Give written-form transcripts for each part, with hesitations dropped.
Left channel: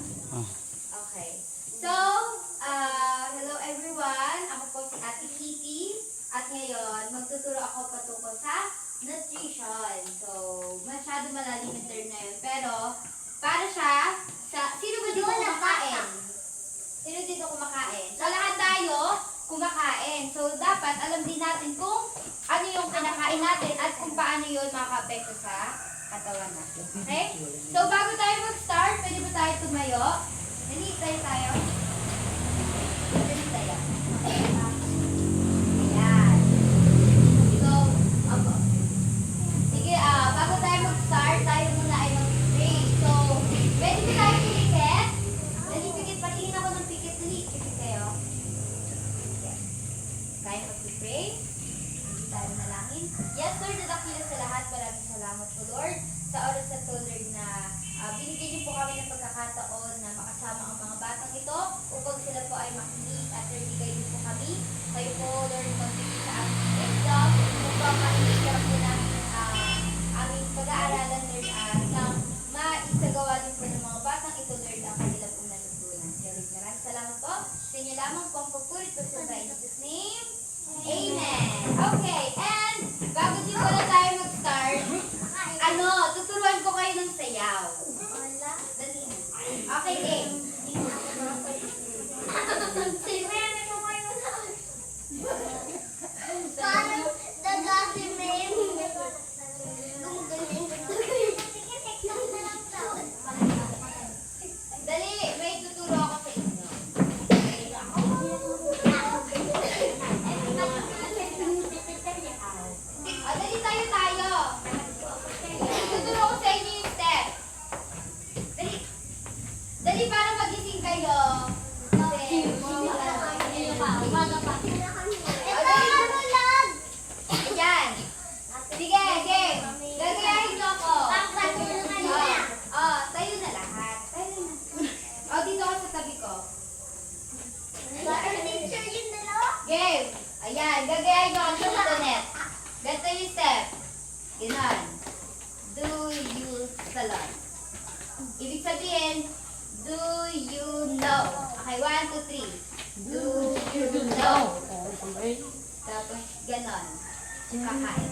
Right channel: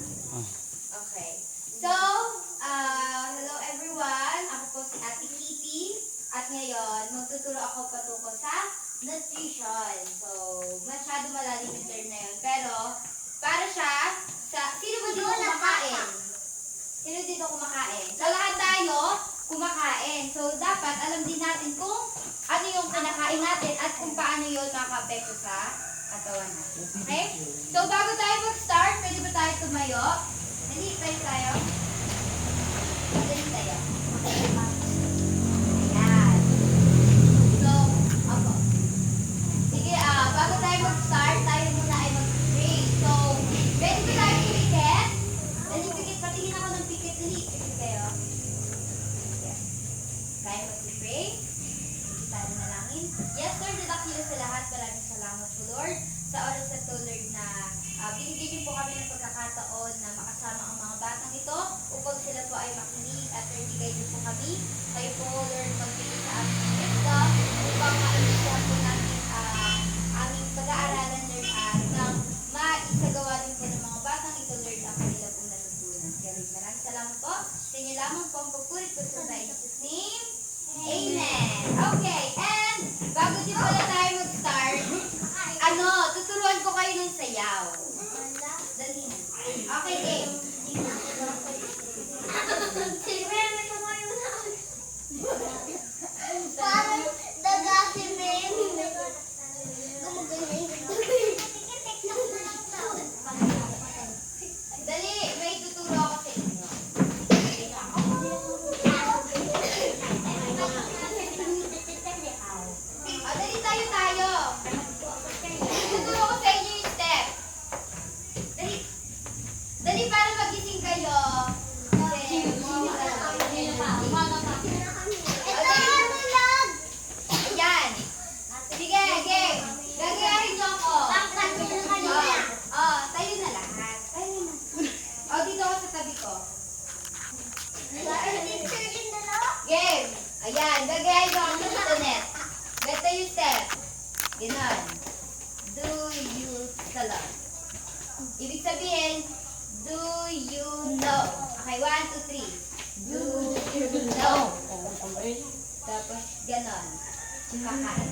Okay. So, hello everyone. Ako po si Ate Kitty. At ngayon, magtuturo ako patungkol sa nutrition. So, masyado malalim yung term na yun. Pero, para siya sa... Sino ba dito kumakain? Sino dito kumakain? So, lahat tayo kumakain. So, dapat alam din natin kung ano yung kinakain natin at kung paano yun makaka-apekto sa katawan natin. Okay? So, bago tayo mag-start, pwede ba tayo tumayo? Dali, tayo. Dali tayo. Ayan. So, ako. Sige, bago tayo mag-start, tayo muna ay mag-pray. So, pwede ba tayo pumikit? Dali, pikit. Patingin ako ng pikit. Dali, pikit kayo. Yes. Tayo mag-pray. Hindi tayo nalangin. Yes, Lord, nadakila sa lahat. Maraming salamat po, Lord, sa oras na to, Lord, na binigyan niyo po kami ng pagkakataon na makasama ang mga batang ito upang sila po ay makinig at bigay niyo po kami. Kayo po, Lord, magbigay sa aming wisdom upang maibigan po namin aming pag-aaralan, Lord, nang maisagawa din po ng mga batang ito, Lord, ang kanila pong natutunan. Kaya, Lord, maraming salamat po. Sa inyo lamang po ang pagpulit po sa in Jesus' name. Amen. Okay, and bago din pala tayo mag-start, tuturuan ko kayo ng sayaw. Dali. Okay, game. Parang dagasi men. Dali, may tuturo ako sa inyo. Dali tayo. Tuturo ko sa inyo yung step. Dali para magising kayo. Ayan. Sige, game. Gagayahin niyo ako. Tayo na lahat. Dito ako sa tabi ko. Game. Ayan, gagayahin niyo ako sa tutunet. Ganito yung step. Ganon. Do you salon. Ibig sabihin, do you know? Okay, 1, 2, 3. Do you know? Tapos, ganon. Kakain.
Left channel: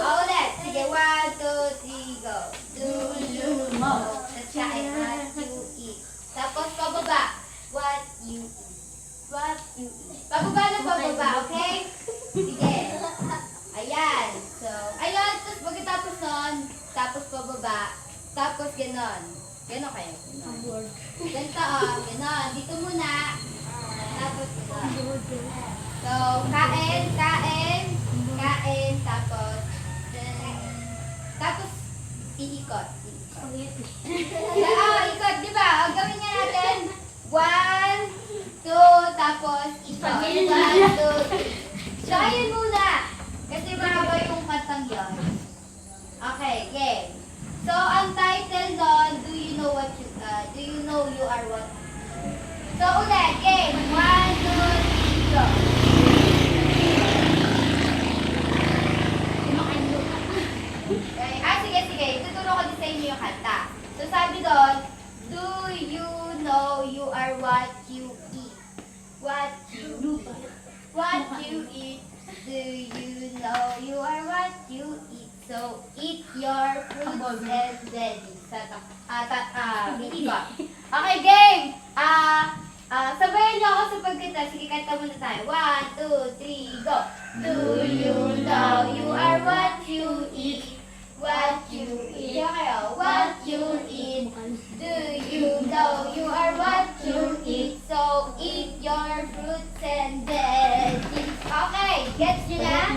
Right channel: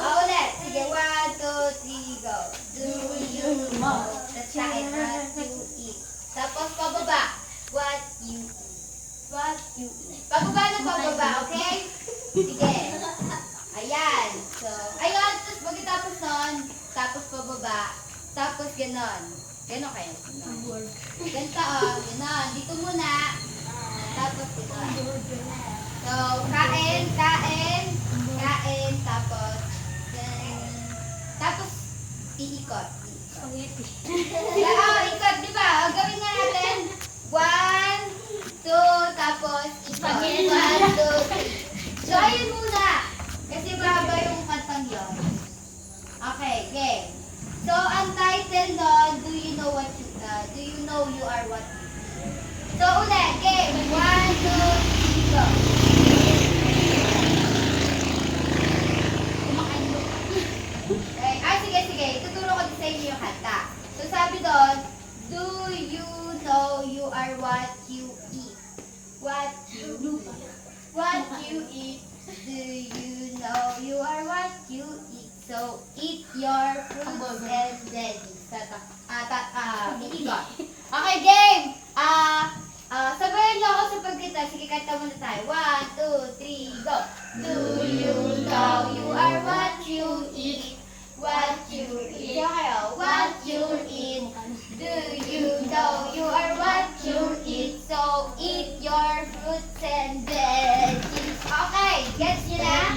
Ulit. Sige, 1, 2, 3, go. Do you know? Tapos kain. What you eat. Tapos, pababa. What you eat. What you eat. Pababa na pababa, okay? Sige. Ayan. So, ayun. Tapos, pagkatapos nun, tapos pababa. Tapos, ganon. Ganon kayo. Ganon. Ganito, ganon. Dito muna. Tapos, ganon. So, kain. Tapos, tapos, iikot. Ikot, di ba? Gawin nga natin. 1, 2, tapos, ikot. 1, 2, 3. So, ayun muna. Kasi mahaba yung kantang yun. Okay, game. So, ang title doon, do you know you are what you eat? So, ulit, game. 1, 2, 3, go. Sige. Ituturo ko din sa inyo yung kanta. So, sabi doon, do you know you are what you eat? What you eat? Do you know you are what you eat? So, eat your fruits and veggies. Iikot. Okay, game! Sabayan niyo ako sa pagkita. Sige, kanta muna tayo. 1, 2, 3, go! Do you know you are what you eat? What you eat? What you eat? Do you know you are what you eat? So, eat your fruits and veggies. Okay, gets nyo na?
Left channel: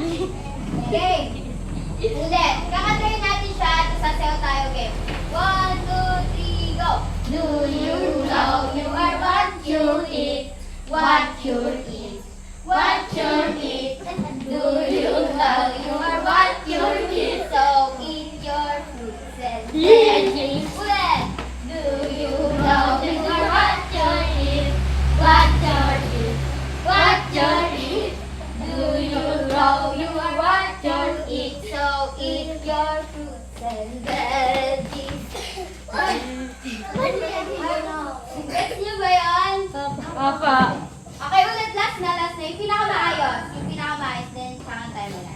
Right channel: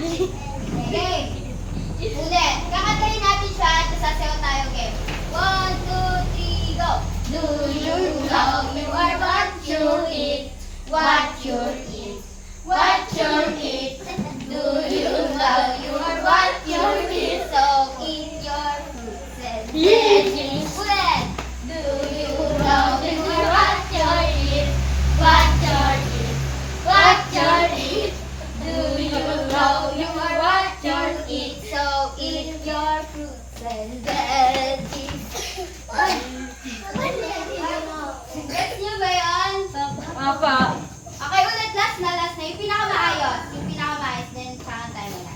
Game! Ulit. Kakantayin natin siya at sasayaw tayo, game. 1, 2, 3, go! Do you know you are what you eat? What you eat? What you eat? Do you know you are what you eat? So, eat your fruits and veggies. Ulit! Do you know you are what you eat? What you eat? What you eat? Do you know you are what you eat? So, eat your fruits and veggies. Apa. Okay, ulit. Last na. Yung pinakamaayos. Then, saan tayo muna.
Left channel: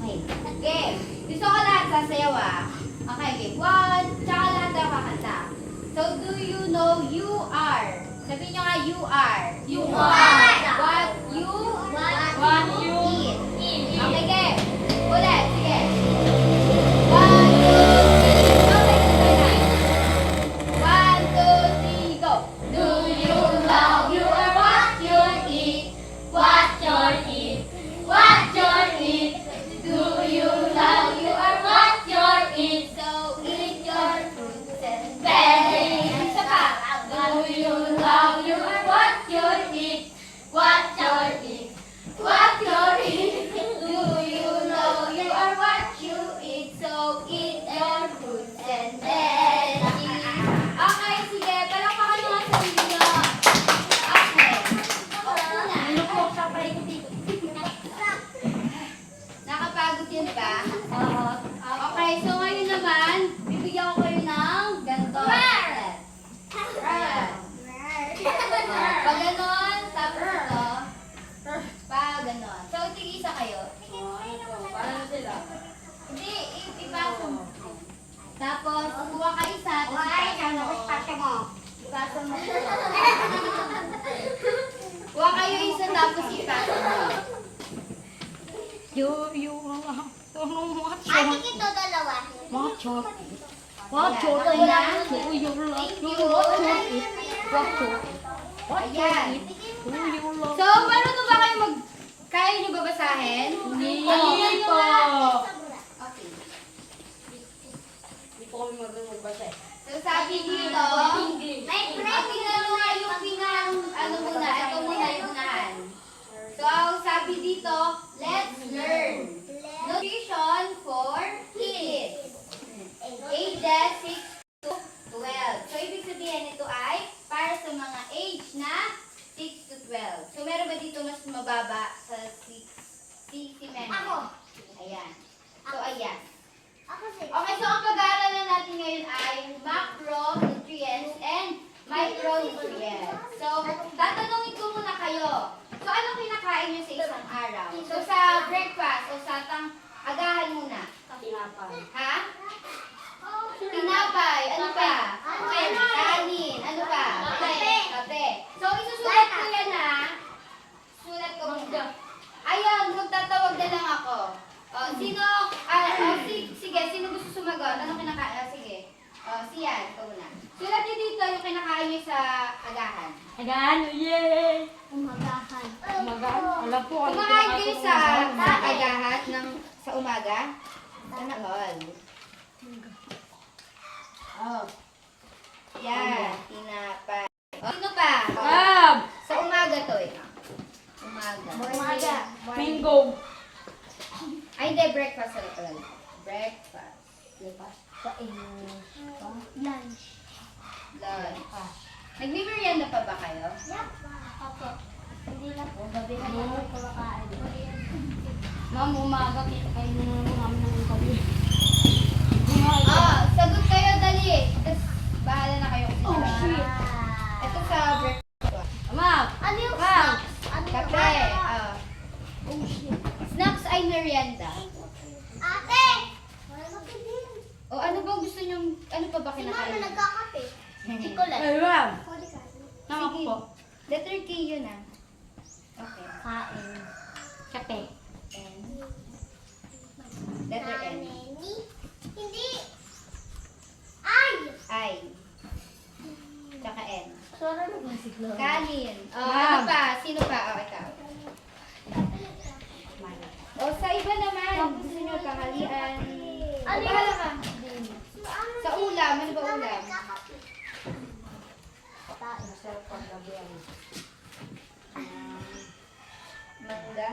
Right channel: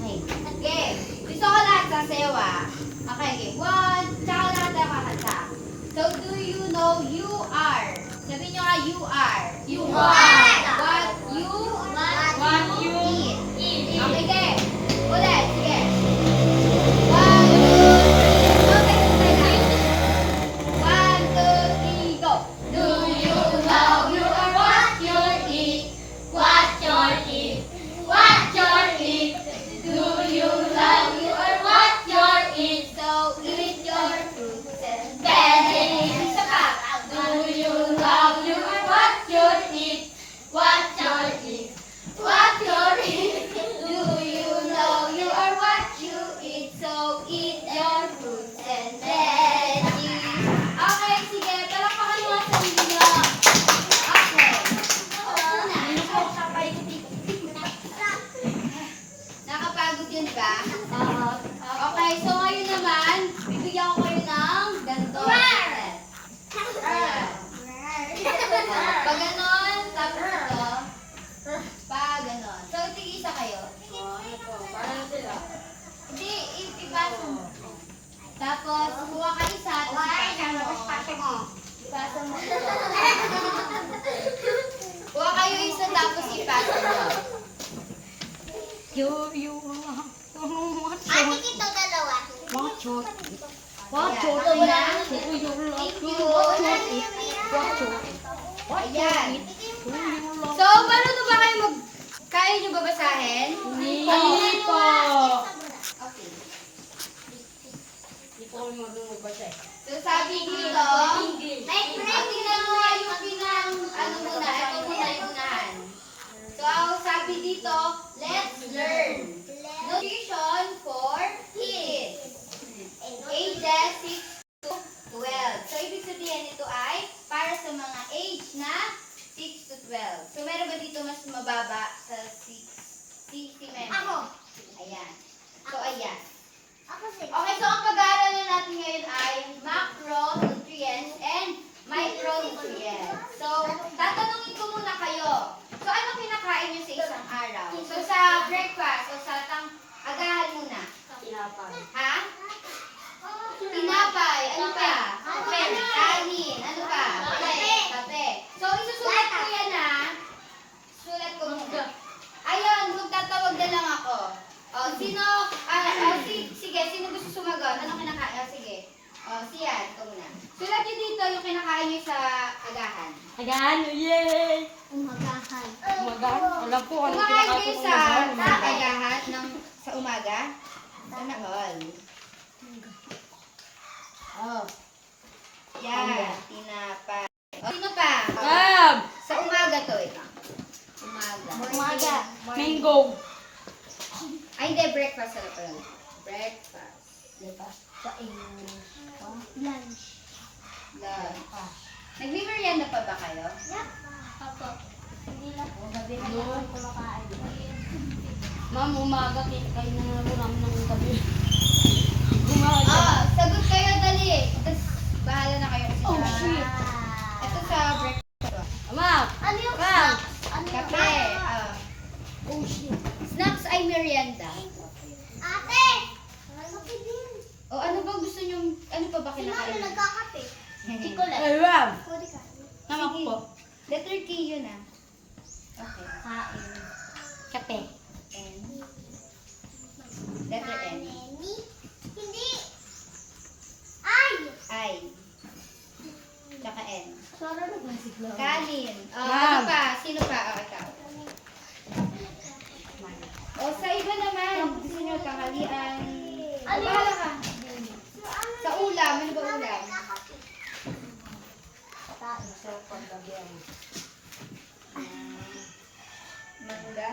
Okay. Game. Gusto ko lahat sasayaw ah. Okay, game. 1. Tsaka lahat tayo kakanta. So, do you know you are? Sabihin nyo nga, you are. You are. What you What you eat. eat. Okay, game. Ulit. Sige. 1, 2, 3. Okay, tuloy na. 1, 2, 3, go. Do you know you are what you eat? What you eat? What you eat? Do you love you are what you eat? So, eat your fruits and veggies. Isa pa. Do you love you are what you eat? What you eat? What you eat? Do you know you are what you eat? So, eat your fruits and veggies. Okay, sige. Palakpakan mo ang sarili nyo. Okay. Opo na. Nakapagod yun ba? Okay, so ngayon naman, bibigyan ko kayo ng ganito. Ayan. Pag ganon, tapos ito. Pag ganon. So, tig-isa kayo. Para na sila. Hindi, ipasa mo. Tapos, kuha ka isa. Ipasa mo. Ipasa mo. Kuha kayo isa, tapos ipasa mo. Ate kito dalawa. Ayan, ako na. Thank you. Ayan. So, paano na ba kayo kaya nyo babasahin? Hindi Ano po. Okay. Hindi po kami magbasa. So, sabi dito, tingnan mo nga yung ano muna, ito muna yung unahan. So, sabi dito, let's learn. Nutrition for kids. Ages 6 to 12. So, ibig sabihin ito ay para sa mga age na 6 to 12. So, meron ba dito mas mababa sa 6? Si Memo. Ako. Ayan. So, ayan. Ako six. Okay, so ang pag-aaralan natin ngayon ay macronutrients and micronutrients. So, tatanungin ko muna kayo. So, ano kinakain nyo sa isang araw? So, sa breakfast o sa agahan muna. Tinapay. Ha? Tinapay. Ano pa? Kanin. Ano pa? Kape. So, isusulat ko yan ha. Sulat ko muna. Ayun, magtatawag na lang ako. Sino, sige, sino gusto sumagot? Ano kinakain? Sige. Siyan, ito muna. Sulat nyo dito yung kinakain nyo sa agahan. Agan, yay! Umagahan. Alam po. Kumakain kayo sa agahan sa umaga? Sana all. Yan, tinapay. Sino pa? Gab! Sa umaga to eh. Umaga. Bingo! Ay, hindi, breakfast sa all. Breakfast. Lunch. Lunch. Nagme-merienda pa ba kayo? Yep. Ako. Hindi na po. Gabi na lang ako kumakain. Ma'am, umaga, kayo na naman namin ng gabi. Sagot kayo, dali. Tapos, bahala na kayo kasi Oh, shit. ito sa breakfast. Ma'am! Ano yung Ma'am, snacks? Ano yung kape. Oh, shit. Snacks ay merienda. Ate! Kape din. O ano ba gusto nyong, ano pa ba Si Mama kinakain? nagkakape. Ay, ma'am! Pwede ka. Nakako po. Letter K yun ah. Okay. Kain. Kape. N. Letter N. Hindi. Ay! I. Tsaka N. Sora na ba si Chloe? Kanin. Ano Ma'am. pa? Sino pa? Ikaw. O sa iba naman, gusto nyo kahalian. Ano yun? Bahala ka. Sa ulam, ano ba ulam? Mangga.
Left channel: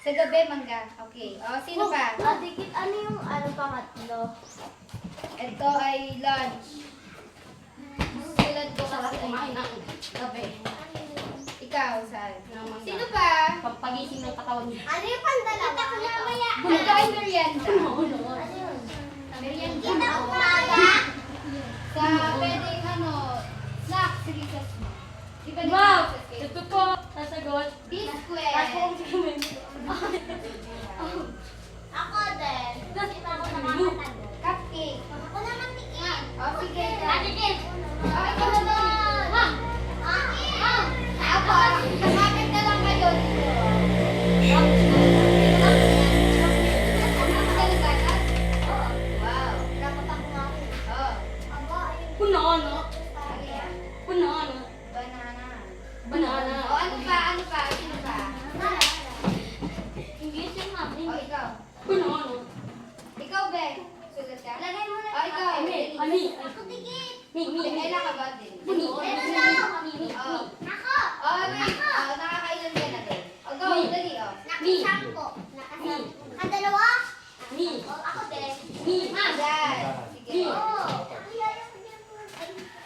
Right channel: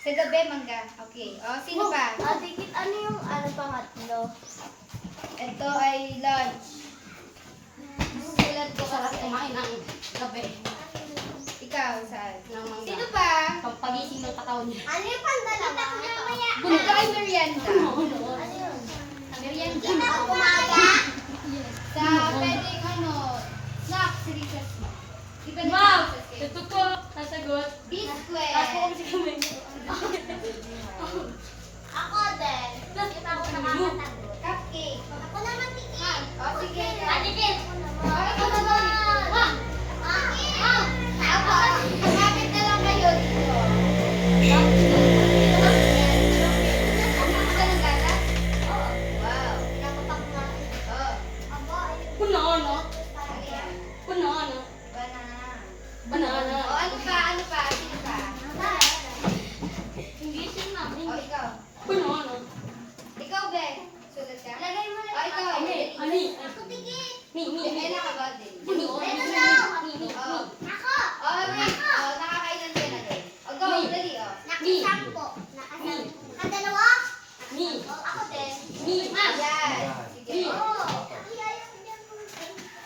Sa gabi, mangga. Okay. O, sino pa? Dikit, ano yung pangatlo? Ito ay lunch. Sulat ko kasi. Kumain ng gabi. Ikaw, Sal. Ng mangga. Sino pa? Pagpagising ng katawan niya. Ano yung pandalawa? Ito ay merienda. Ano yun? Merienda. Kita umaga? Sa pwedeng snacks, recess mo. Di ba Ma'am, nag-process kayo? ito po, sasagot. B square. Tapos po kami sa kamay. Ako din. Kita ko nakakatago. Cupcake. Ako naman tingin. O, sige. Atigil. O, ikaw naman. Akin. Ako, kapit na lang kayo. Ano ka nagkakat? Wow. Nakapak na. Oh, Aba, ayun. Puno, no? ano yan? Puno, no? Banana. Banana. O, ano pa? Ano pa? Sino pa? English yun, ma'am. O, ikaw. Puno, no? Ikaw, Bek. Sulat ka? Lagay mo na. O, ikaw. Ami. Ako tingin. Ella ka ba din? Puno. Meron daw. Oh. Ako. O, wait. O, nakakailan ka na din. O, go. Dali, o. Nakasampo. Nakasampo. Dalawa? Me. Ako din. Me. Ayan. Sige. Me. Oo.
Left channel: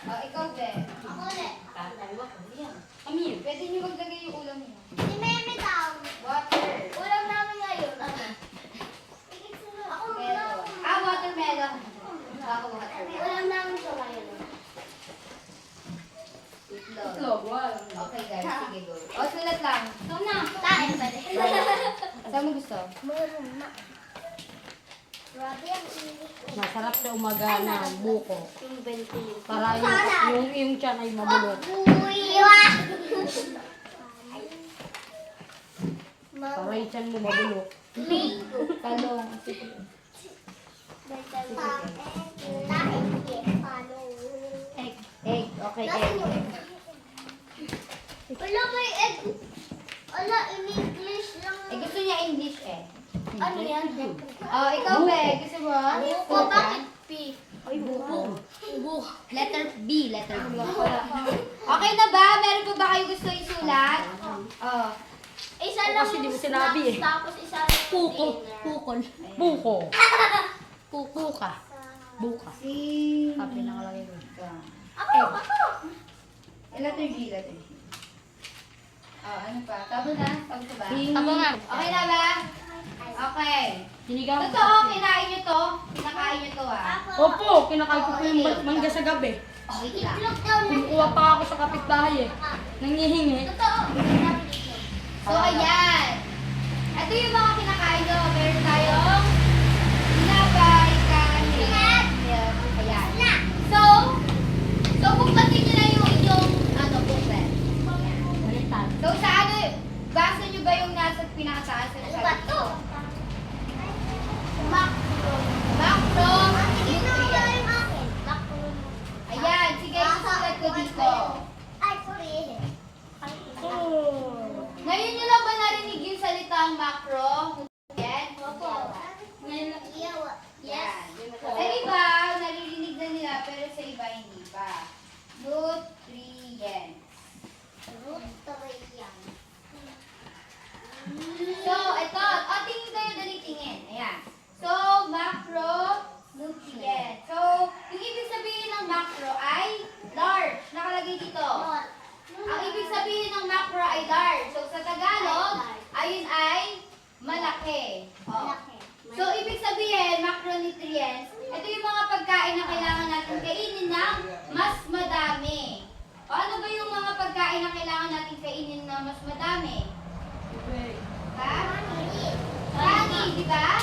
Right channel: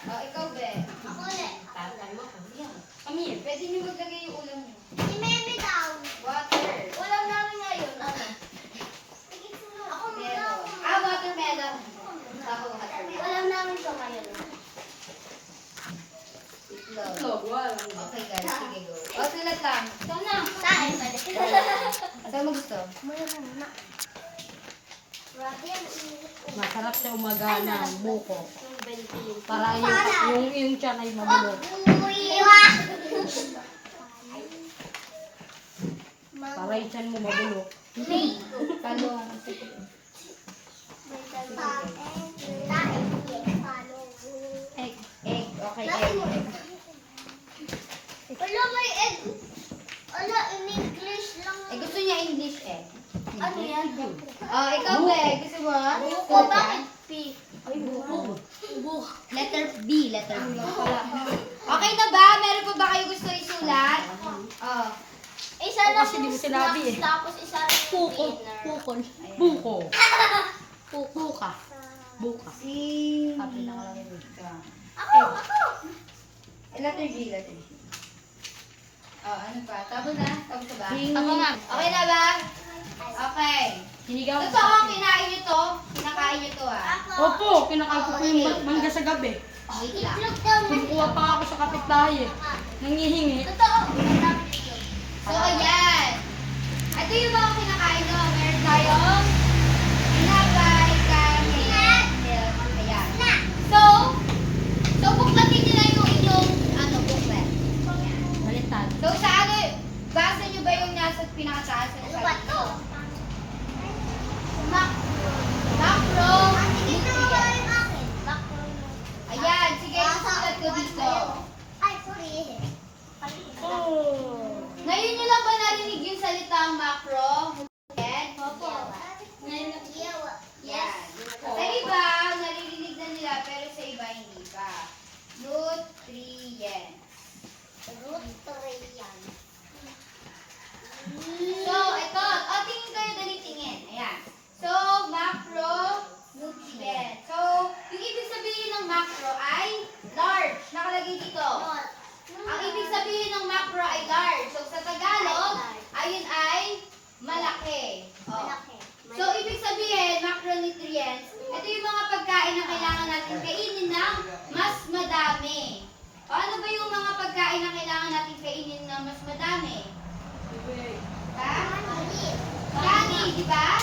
O, ikaw, Bek. Ako ulit. Kami. Pwede niyo maglagay yung ulam niyo. Si Meme daw. Water. Ulam namin ngayon. Ano? Ako Melon. ulam. Ah, watermelon. Ako, watermelon. Ulam namin ito ngayon. Itlog. Itlog, wala. Okay, guys. Sige, go. O, sulat lang. Sana. Tayo. Saan mo gusto? Masarap sa umaga ng buko. Yung bento. Para yung tiyan ay mabulok. Buiwa. Para yung tiyan mo mabulok. Talong. Egg. Egg. Okay, egg. Wala may egg. Wala, in English lang. Eh, gusto niya English eh. Ano yan? Oh, ikaw, Be. Gusto mo? Buko, Sulat bakit yan? P? Ay, buko. Letter B. Letter B. Okay na ba? Meron pa ba kayo gusto isulat? Oh. Isa O, lang kasi di mo yung sinabi snacks, eh. tapos isa lang yung Puko. dinner. Pukol. Buko. Buka. Buka. Si... Sabi na lang yung ito. Ako! Letter G. Letter G. Oh, ano pa? Tabo na? Tabo ka ba? Tabo nga. Okay na ba? Okay. Sinigaw. Totoo, kinain nyo to? Kinakain nyo to ah. Ako! Opo, kinakain ko po yung mangga sa gabi. Wait lang. Itlog daw na. Kumukuha pa ako sa kapitbahay eh. Nangihingi. Totoo! So, ayan. Ito yung mga kinakain ko. Meron tayong tinapay, kanin, milk. Ayan. So buklatin nyo na yung inyong booklet. Ayan. Balitan. So, sa ano, basa nyo ba yung nasa pinakataas? Ano ba to? Macro. Tingin mo ba yung akin? Macro. Ayan, sige, susulat ko dito. Ay, sorry. Ngayon nyo lang ba narinig yung salitang macro? Ayan. Yes. Sa iba, naririnig na nila, pero sa iba hindi pa. Nutrients. Root to yan. So, ito. O, tingin kayo, dali tingin. Ayan. So, macro, nutrient. So, yung ibig sabihin ng macro ay large. Nakalagay dito. Ang ibig sabihin ng macro ay large. So, sa Tagalog, ayun ay malaki. O. So, ibig sabihin, macronutrients, ito yung mga pagkain na kailangan natin kainin ng mas madami. O, ano ba yung mga pagkain na kailangan natin kainin ng mas madami? Ha? Kanin, di ba?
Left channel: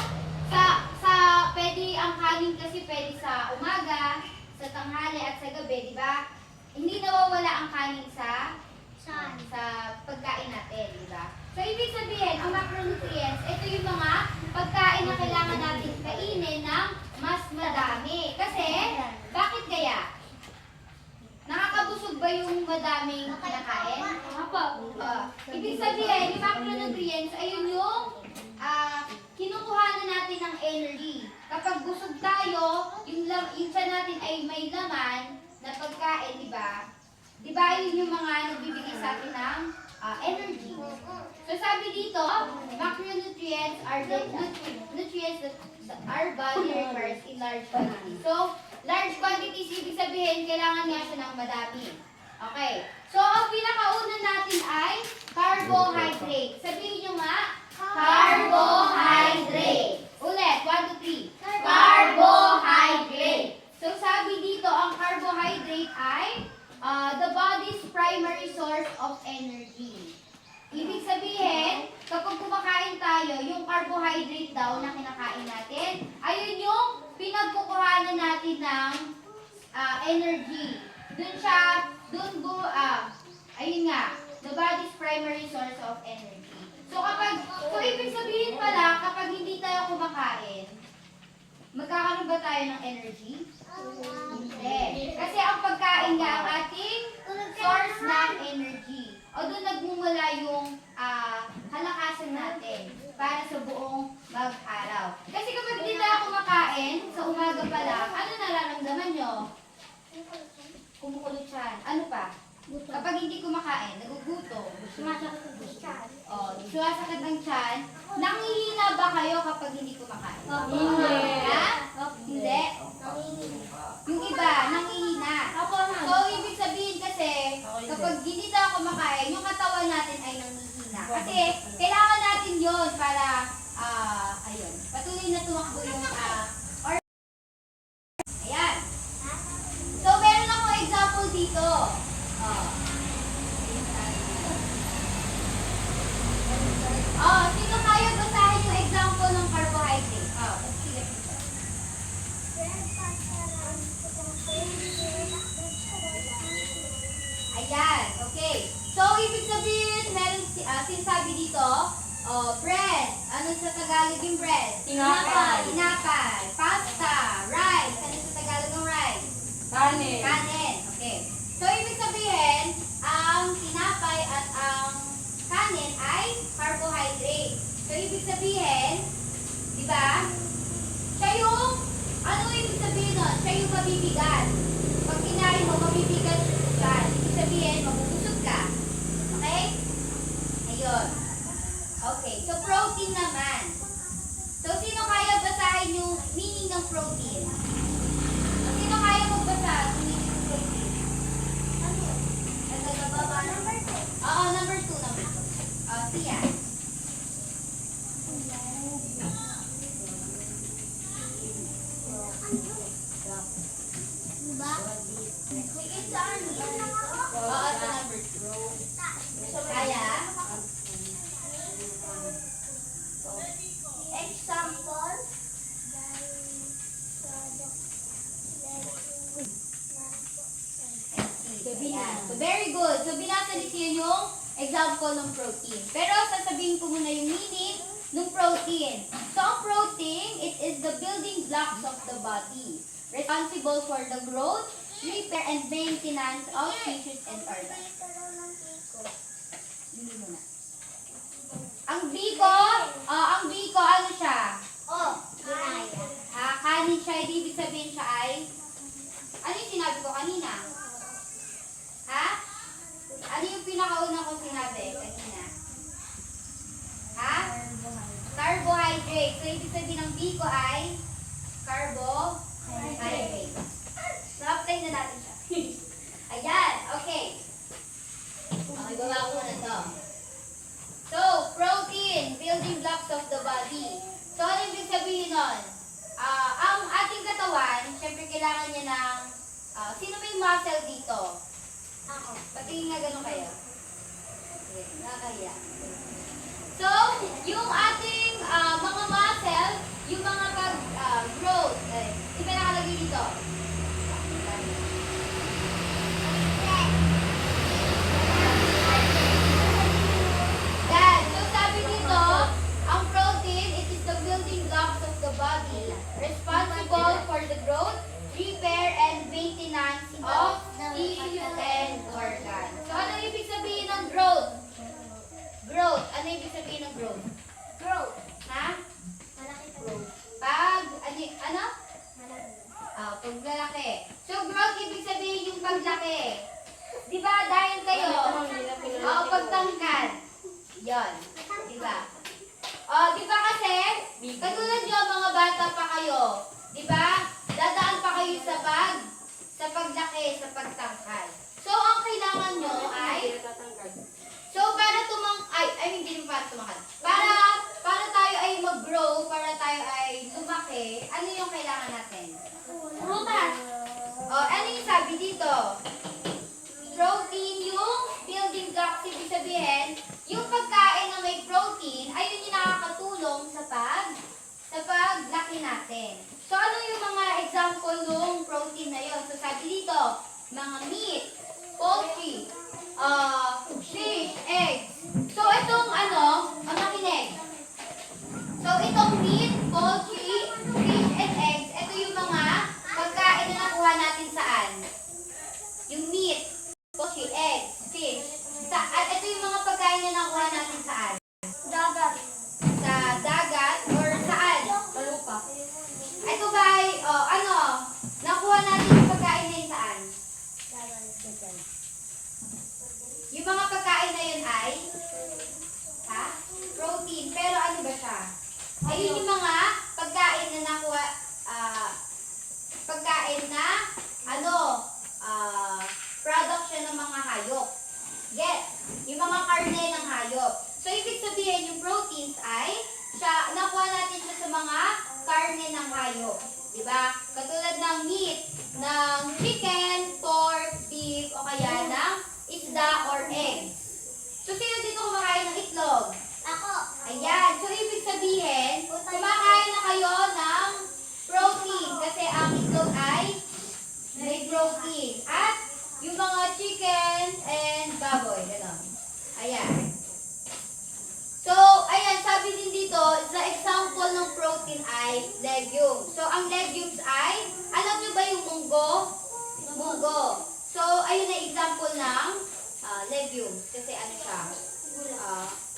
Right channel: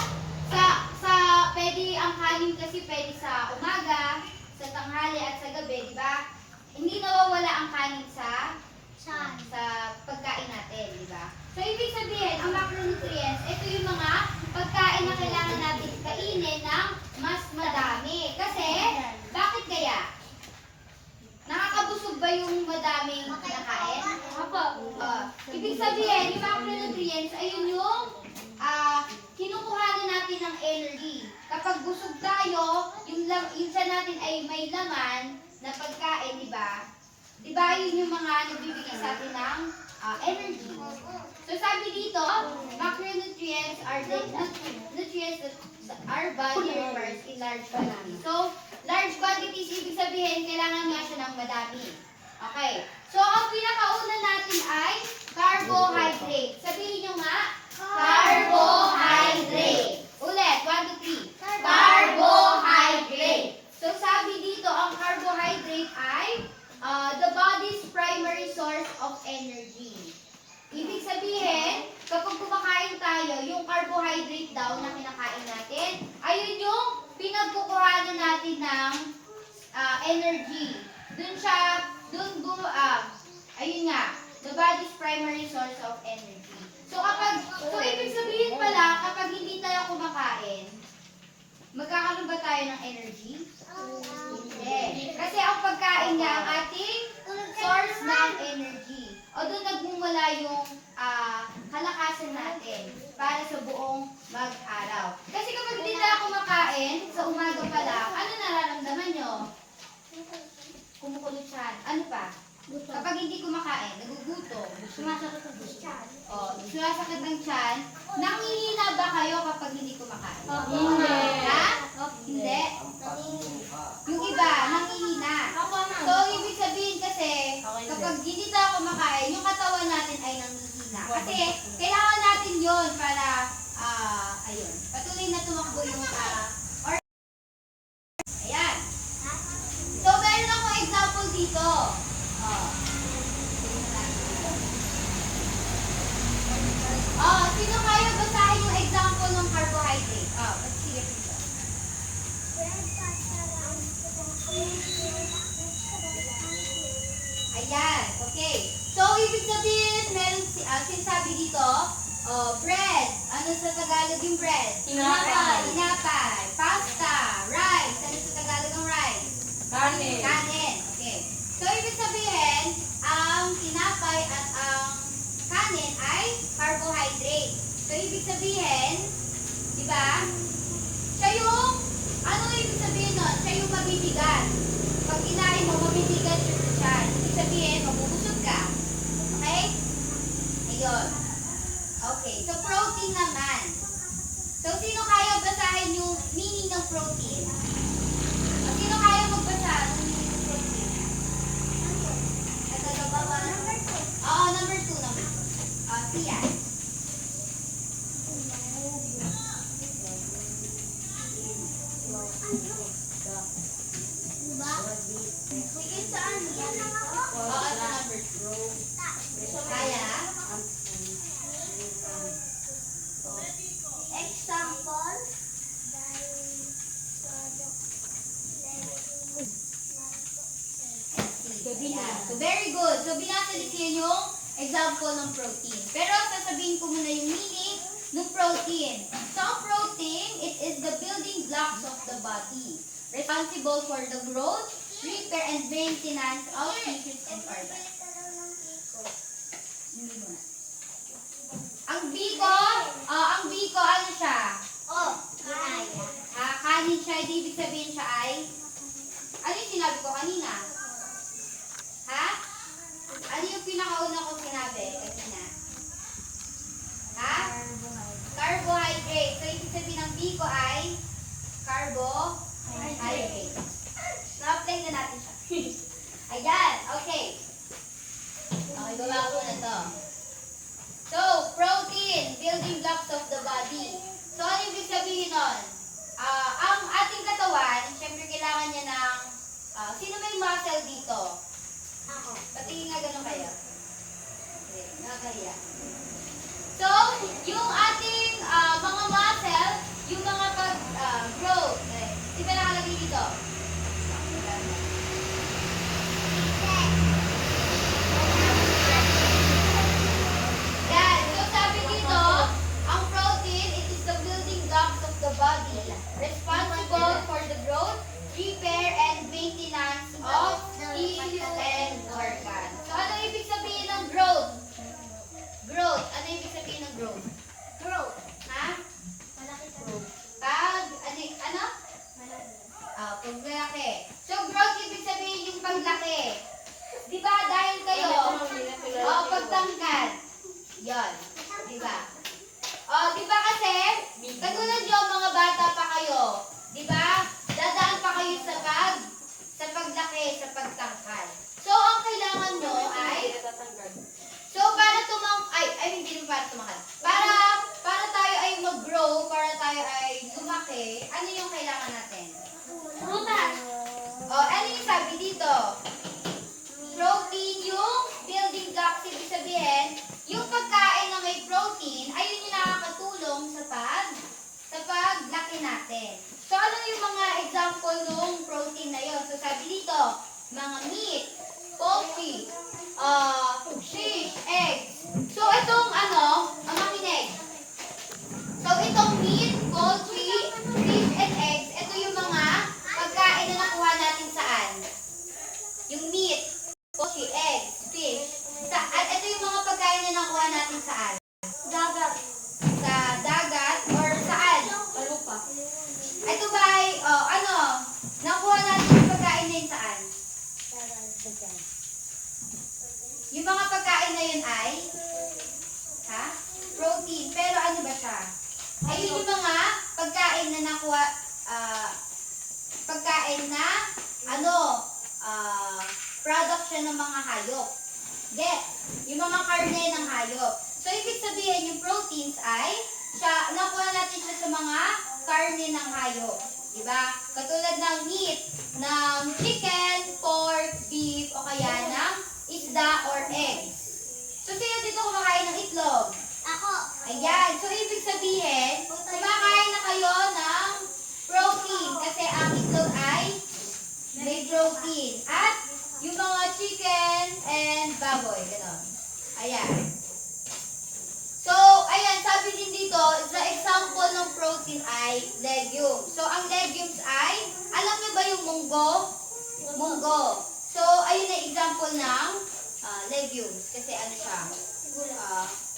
Pwede, ang kanin kasi pwede sa umaga, sa tanghali at sa gabi, di ba? Hindi nawawala ang kanin sa pagkain natin, di ba? So, ibig sabihin, ang macronutrients, ito yung mga pagkain na kailangan natin kainin ng mas madami. Kasi, bakit kaya? Nakakabusog ba yung madaming kinakain? Ibig sabihin, yung macronutrients, ayun yung kinukuhanan natin ng energy. Kapag busog tayo, yung tiyan natin ay may laman na pagkain, di ba? Di ba yun yung mga nagbibigay sa atin ng energy? So sabi dito, macronutrients are the nutrients that our body requires in large quantities. So, large quantities, ibig sabihin, kailangan nga siya ng madami. Okay. So, ang pinakauna natin ay carbohydrate. Sabihin nyo nga, carbohydrate. Ulit, 1, 2, 3. Carbohydrate. So, sabi dito, ang carbohydrate ay the body body's primary source of energy. Ibig sabihin, kapag kumakain tayo, yung carbohydrate daw na kinakain natin, ayun yung pinagkukuhanan natin ng energy. Ayun nga, the body's primary source of energy. So ibig sabihin pala, kapag hindi tayo kumakain, magkakaroon ba tayo ng energy? Hindi. Kasi ang pagkain nga ang ating source ng energy. O doon nagmumula yung kalakasan natin para sa buong mag-araw. Kasi kapag hindi tayo kumakain, sa umaga pa lang, ano nararamdaman nyo? Kumukulot siya. Ano pa? Kapag hindi kumakain, nagugutom. Sumasakit ang tiyan. Sumasakit ang tiyan. Nangihina ba kayo kapag hindi kumakain? Hindi. Ha? Hindi. Yung iba, nangihina. So, ibig sabihin kasi, kapag hindi tayo kumakain, yung katawan natin ay nangihina. Kasi, kailangan natin yon para, ayun, patuloy na tumakbo yung, ayan. So, meron akong example dito. Sino kayo basahin yung example ng carbohydrate? Sige dito. Ayan, okay. So, ibig sabihin, meron sinasabi dito, bread. Ano sa Tagalog yung bread? Tinapay. Tinapay. Pasta. Rice. Ano sa Tagalog ang rice? Kanin. Kanin. Okay. So, ibig sabihin, ang tinapay at ang kanin ay carbohydrate. So, ibig sabihin, di ba? Siya yung, ano ibig sabihin nun? Siya yung mabibigat. Pag kinain mo, mabibigat siya. Ibig sabihin, mabubusog ka. Okay? Ayun. Okay. So, protein naman. So, sino kaya basahin yung meaning ng protein? Sino kaya magbasa ng meaning ng protein? Nagkakababa? Oo, number 2 naman. Siya. Oo, sa number 2. Kaya? Example. Ayan. So, very good. So, binasa ni Siya yung example ng protein. Pero, sasabihin ko muna yung meaning ng protein. So, ang protein, it is the building blocks of the body. Responsible for the growth, repair, and maintenance of tissues and organs. Hindi mo na. Ang biko, ano siya? Kanin siya, ibig sabihin siya ay, ano yung sinabi ko kanina? Ha? Ano yung pinakauna ko sinabi kanina? Ha? Carbohydrate. So, ibig sabihin ng biko ay carbohydrate. Na-apply na natin siya. Ayan, okay. Okay, baba ko na to. So, protein, building blocks of the body. So, ano ibig sabihin nun? Ang ating katawan, syempre kailangan niya ng, sino may muscle dito? Ako. Patingin nga gano'n kayo. Okay, nakakaya. So, yung ating mga muscle, yung mga pag-growth, iba nakalagay dito. Yan. So, sabi dito, ang protein, it is the building blocks of the body, responsible for the growth, repair, and maintenance of tissues and organs. So, ano ibig sabihin ng growth? Growth. Ano ibig sabihin ng growth? Growth. Ha? Malaki sa Ano? Paglalaki. So, growth ibig sabihin yung paglaki. Di ba? Dahil kayo, pagtangkad. Yan. Di ba? Di ba kasi, katulad nyo, mga bata pa kayo, di ba? Dadaan pa kayo sa paglaki, sa pagtangkad. So, ang kailangan nyo ay, hindi naman para tumakad. Para tayo ay mag-grow, para tayo ay lumaki, ano yung kailangan natin? Prutas. Ano yung sabi dito? Protein, poultry, fish, eggs. So, itong ang makinig. So, itong meat, poultry, fish, and eggs, ito yung mga pagkain na nakuha natin saan? Yung meat, poultry, eggs, fish. At ito yung mga pagkain na nakuha natin saan? Dagat. Sa dagat or saan? Sa lupa. Ito ba ay, nakuha natin yung pagkain na yun saan? Yung mga pagkain na yun ay, protein. Pero ano ba siya? Ayun yung mga pagkain na nakuha, pagkain na, product siya ng mga hayop. Get? Yung mga karne ng hayop. So, ibig sabihin, yung proteins ay, nakuha natin siya sa mga karne ng hayop. Diba? Katulad ng meat, ng chicken, pork, beef, o kaya ng isda or eggs. So, sino dito kumakain ng itlog? Ako. Ayan. So, ibig sabihin, kumakain na kayo ng protein kasi ang itlog ay may protein. At yung mga chicken and baboy. Ganon. Ayan. So, ayan, sabi din dito, the example ng protein ay legumes. So, ang legumes ay, alam niyo ba yung munggo? Munggo. So, ayun na example ng legumes. Kasi ano siya?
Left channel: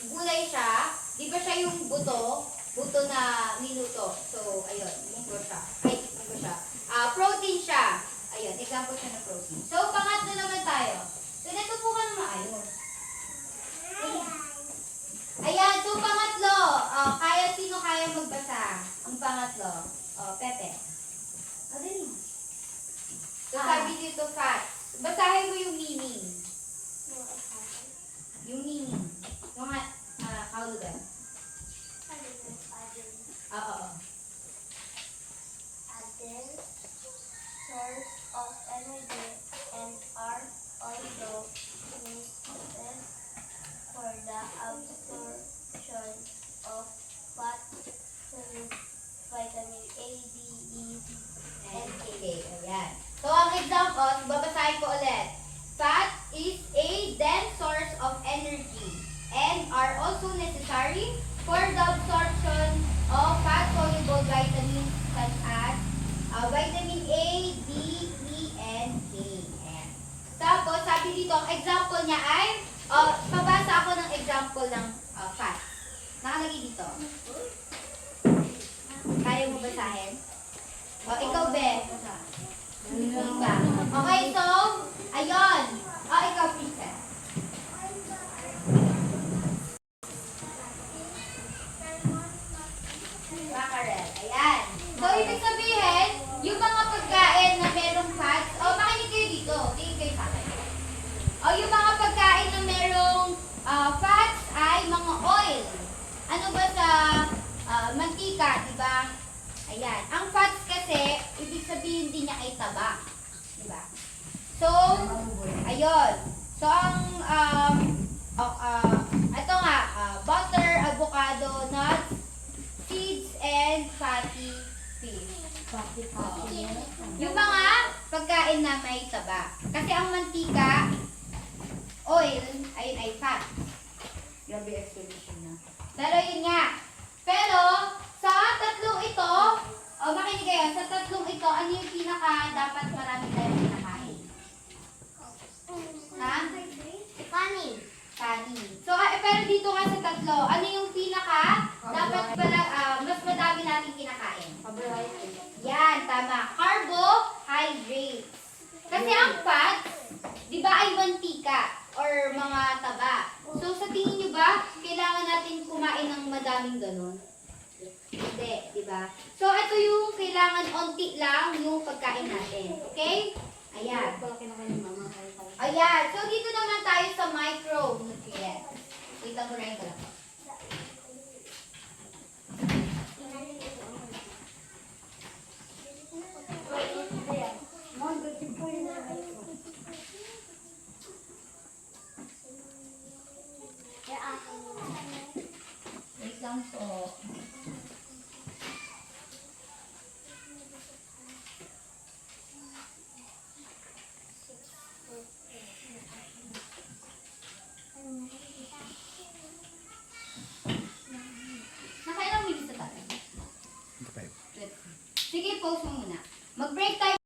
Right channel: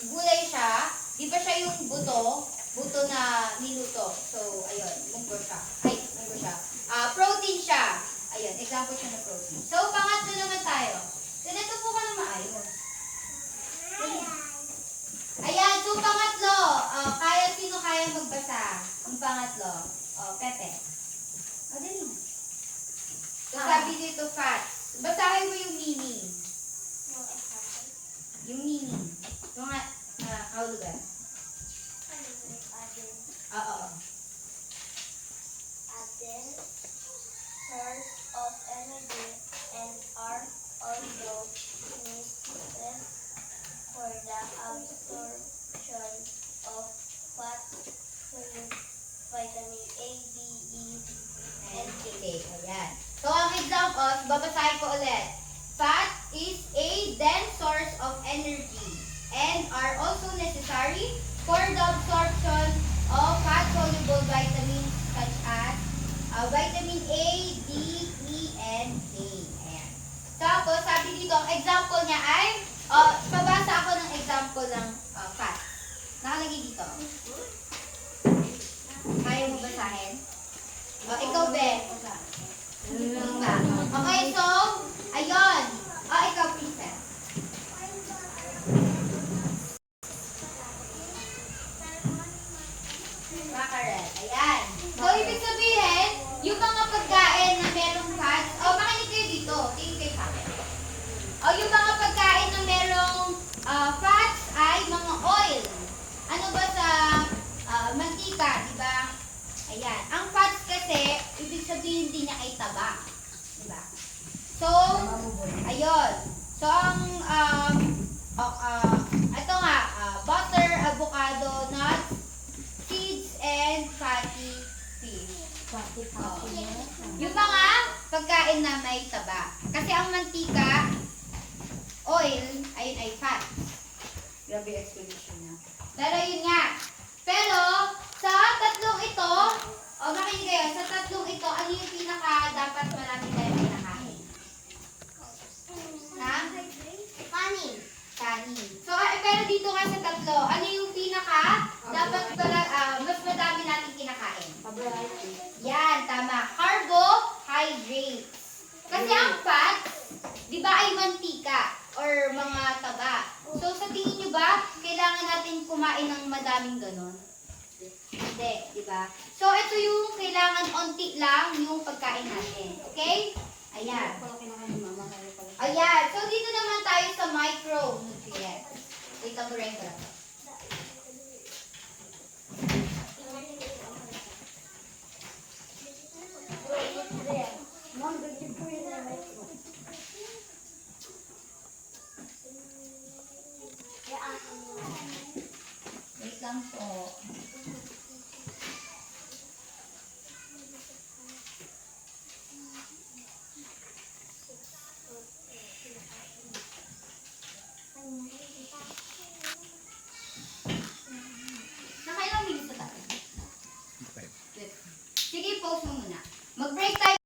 Gulay siya. Di ba siya yung buto na niluto. So, ayun, munggo siya. Munggo siya. Protein siya. Ayun, example siya ng protein. So, pangatlo naman tayo. Ganito po ka na maayos. Ayan, so pangatlo. Sino kaya magbasa? Ang pangatlo. Pepe. Dali mo. So, sabi dito, fats. Basahin mo yung meaning. Yung meaning. Yung kahulugan. Oo. Source of energy and are also necessary for the absorption of fat, vitamin A, D, E, And K. Ayan. So, ang example, babasahin ko ulit. Fat is a dense source of energy and are also necessary for the absorption of fat-soluble vitamins such as vitamin A, D, E, and K. Ayan. Tapos, sabi dito, ang example niya ay, pabasa ako ng example ng fat. Nakalagay dito. Kaya mo basahin? Ikaw, Be. Basa. Okay, so, ayun. Ikaw, Princess. Mackerel. Ayan. So, ibig sabihin, yung mga pagkain na merong fats, makinig kayo dito. Tingin kayo sa akin. Yung mga pagkain na merong fats ay mga oil. Ano ba sa mantika, di ba? Ayan. Ang fats kasi, ibig sabihin din niya ay taba. Di ba? So, ayun. So, ito nga, butter, avocado, nuts, seeds, and fatty fish. Yung mga pagkain na may taba. Kasi ang mantika, oil, ayun ay fat. Grabe explanation na. Pero yun nga. Pero, sa tatlong ito, makinig kayo, sa tatlong ito, ano yung pinaka dapat marami tayo kinakain? Ha? Kanin. Kanin. So, pero dito nga sa tatlo, ano yung pinaka dapat pala, mas madami natin kinakain? Yan, tama. Carbohydrates. Kasi ang fat, di ba ay mantika or mga taba. So, sa tingin nyo ba, kailangan natin kumain ng madaming ganun? Hindi, di ba? So, ito yung kailangan onti lang yung pagkain natin. Okay? Ayan. Ayan. So, dito naman tayo sa micronutrients. Wait lang, Buray ko lang. Wait lang po. pause mo muna. Mag-break tayo